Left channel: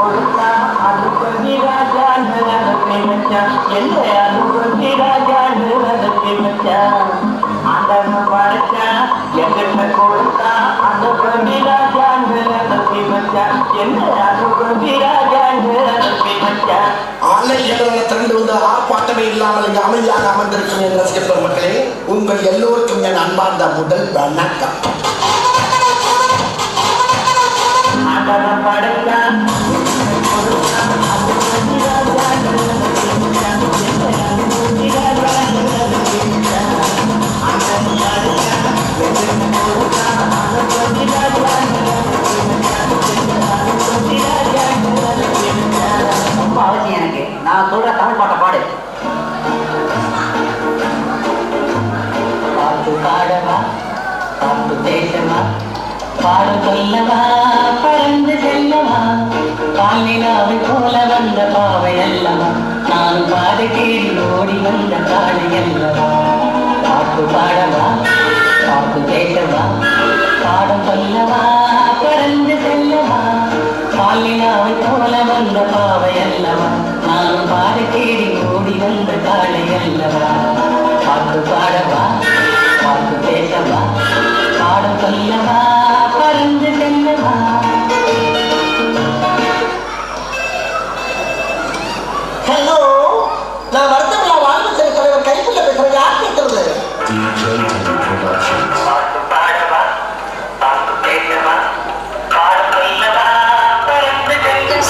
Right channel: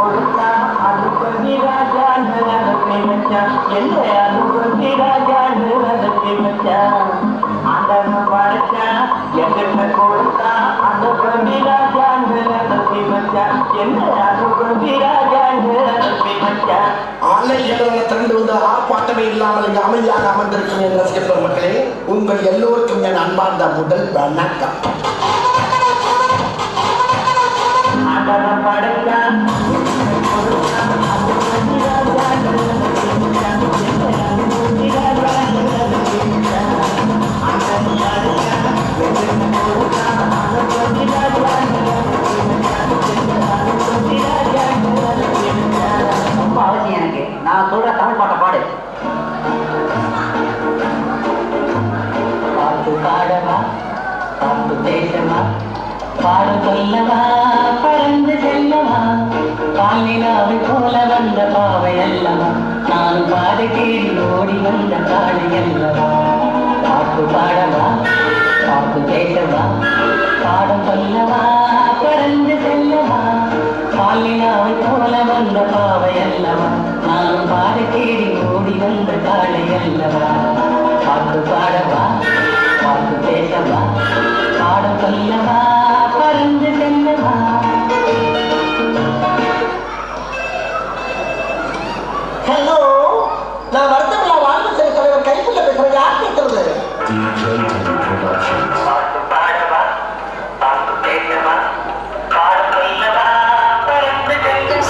கொடுத்தா அனுப்பி ராஜான்னு நடத்தி வச்சான் என்ன அனுப்பி ராஜான்னு நடத்தி வச்சான் ஆண்டவன் படைச்சான் எங்கிட்ட கொடுத்தா அனுப்பி ராஜான்னு நடத்தி வச்சான் என்ன அனுப்பி ராஜான்னு நடத்தி வச்சான் திரண்டு வந்து ஆர்ப்பாட்டமே இல்லாமல் இங்கு அமைதியாக அமர்ந்திருக்கும் என் ரசிக பெருமக்களே, உங்கள் எல்லோருக்கும் என் அன்பார்ந்த முதல் வணக்கம். நான் சொல்ற தமிழ் பாட்டை பாடு. பாட்டு பாடவா, பாட்டு பேசவா, பாடு சொல்லவா, பறந்து செல்லவா, பாலினாவை போல வந்த பாவை அல்லவா, நான் பாதை தேடி ஓடி வந்த காடு அல்லவா. பாட்டு பாடவா, பாட்டு பேசவா, பாடம் சொல்லவா, பறந்து செல்லவா, பாலினாவை போல வந்த பாவை அல்லவா, நான் பாதை தேடி ஓடி வந்த காளை அல்லவா. பாட்டு பாடவா, பாட்டு பேசவா, பாடம் சொல்லவா, பறந்து செல்லவா. ஹலோ, நான் வருத்தமில்லா வாழ்வு சரி தலைவர் கைப்புள்ள பேசுறேன். யார் பேசுறது? பாட்டு பாடவா, பாட்டு பேசவா, பாடம் சொல்லவா, பறந்து செல்லவா.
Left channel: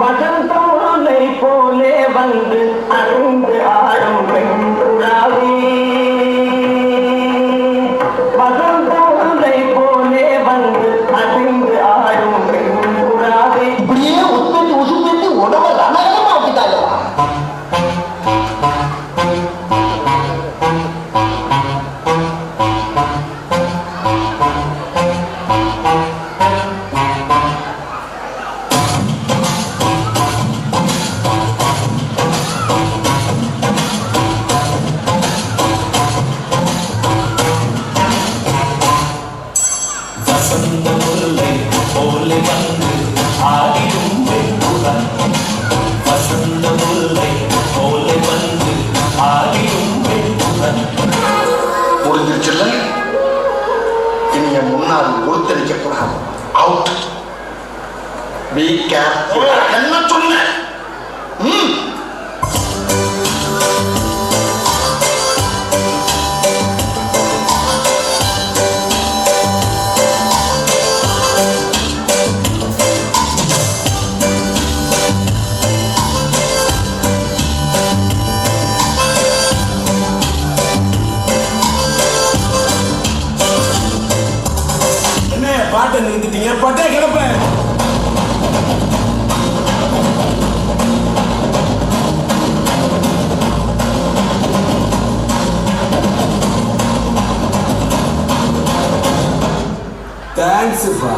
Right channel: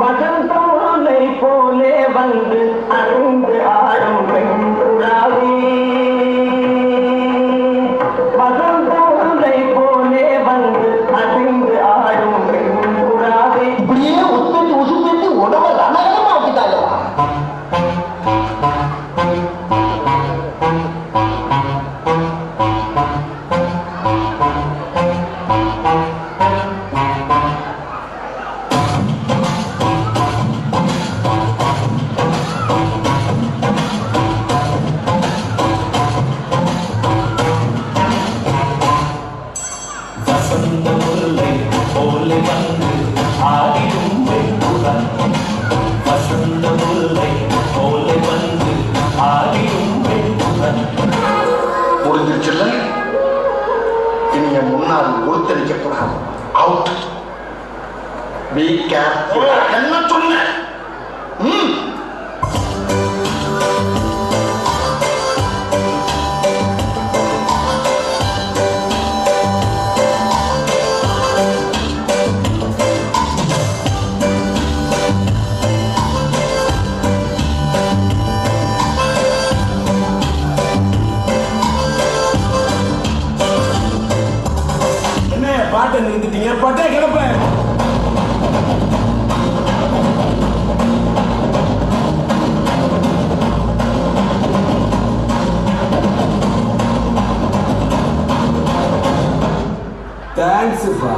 வசந்தோலை போலே வந்து அணிந்து ஆடும் பெண்புறாவே, வசந்தோலை போலே வந்து அணிந்து ஆடும் பெண்புறாவே. இப்படியே உட்பட்டு உசுப்பட்டு உடம்பு ரணகரமா ஆக்கிட்டாங்க. முடிஞ்சிருச்சுல்ல, இனி என் முன்னாடி ஒருத்தரிக்கப்படாது. அவுட். Be careful. என்ன சொன்ன? பட்டே கிளப்ப. தேங்க்ஸ்ப்பா.